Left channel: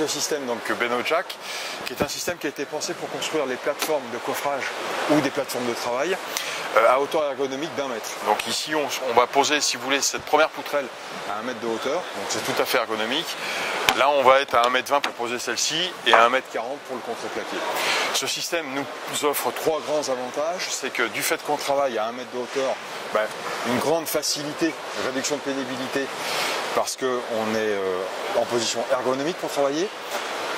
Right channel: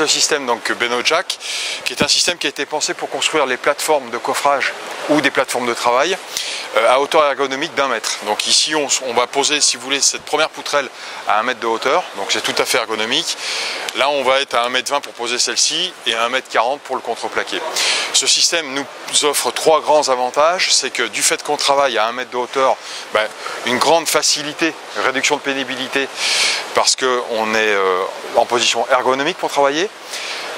le système donc Benojack, qui est un système qui a été pensé pour construire les plateformes de coffrage ou des plateformes de travail à hauteur ergonomique d'1 mètre. Donc ici on va poser, si vous voulez, cette première poutrelle à 1 mètre de hauteur, donc c'est tout à fait ergonomique. Là on va être à 1,20 m pour poser celle-ci et à 1,40 m pour le contreplaqué. Ce système nous offre 3 grands avantages, c'est que du fait qu'on travaille à 1 mètre de hauteur, une grande facilité, réduction de pénibilité, parce qu'on est en position ergonomique pour travailler.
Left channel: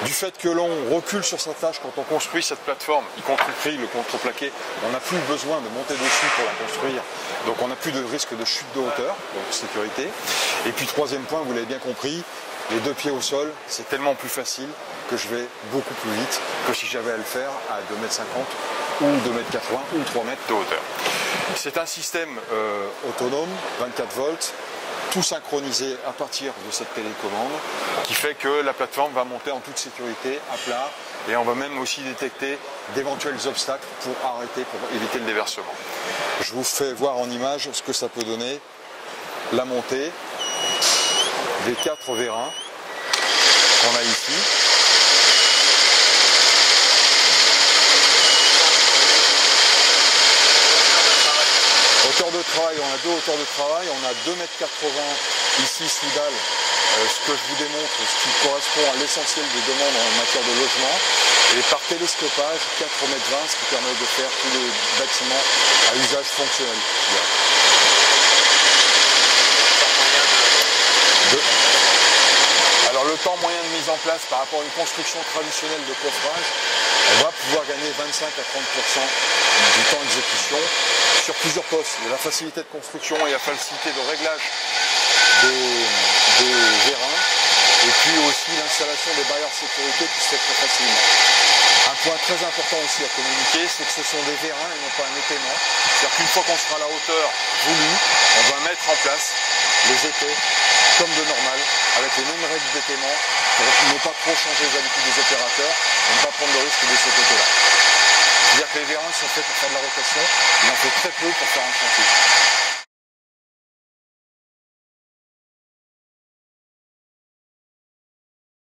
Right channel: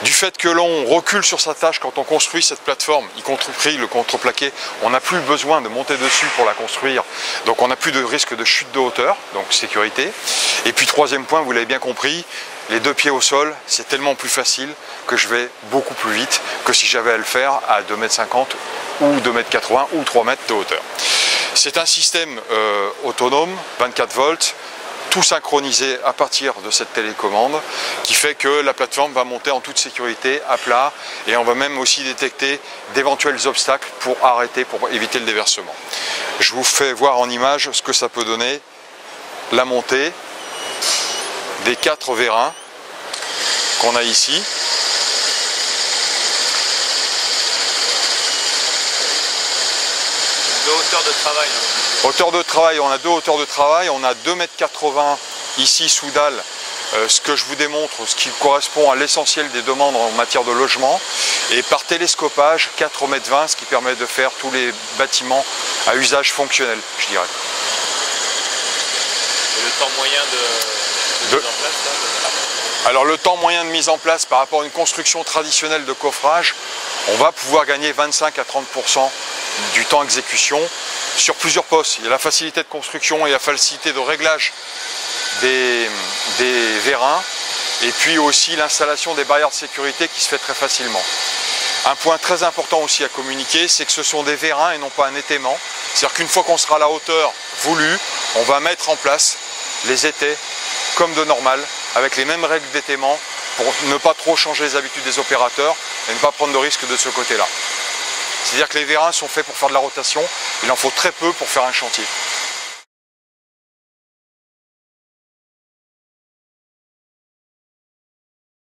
Du fait que l'on recule sur sa tâche quand on construit cette plateforme, y compris le contreplaqué, on n'a plus besoin de monter dessus pour la construire, donc on n'a plus de risque de chute de hauteur, donc sécurité. Et puis troisième point, vous l'avez bien compris, les 2 pieds au sol, c'est tellement plus facile que je vais beaucoup plus vite que si j'avais à le faire à 2,50 m ou 2,80 m ou 3 mètres de hauteur. C'est un système autonome, 24 volts, tout synchronisé à partir de cette télécommande qui fait que la plateforme va monter en toute sécurité à plat et on va même aussi détecter d'éventuels obstacles pour arrêter, pour éviter le déversement. Je vous fais voir en image ce que ça peut donner, la montée des 4 vérins qu'on a ici. Hauteur de travail, on a 2 hauteurs de travail, on a 2,80 m ici sous dalle, ce que je vous démontre, ce qui correspond à l'essentiel des demandes en matière de logement, et par télescopage 4,20 m, ce qui permet de faire tous les bâtiments à usage fonctionnel, je dirais. Et le temps moyen de mise en place? Alors le temps moyen de mise en place par rapport à une construction traditionnelle de coffrage, on va pouvoir gagner 25 à 30% du temps d'exécution sur plusieurs postes. Il y a la facilité de construction et la facilité de réglage des vérins et puis aussi l'installation des barrières de sécurité qui se fait très facilement. Un point très important aussi à communiquer, c'est que ce sont des vérins et non pas un étaiement. C'est-à-dire qu'une fois qu'on sera à la hauteur voulue, on va mettre en place les étais comme de normal, avec les mêmes règles d'étaiement pour ne pas trop changer les habitudes des opérateurs et ne pas prendre de risque de ce côté-là. C'est-à-dire que les vérins sont faits pour faire de la rotation, il en faut très peu pour faire un chantier.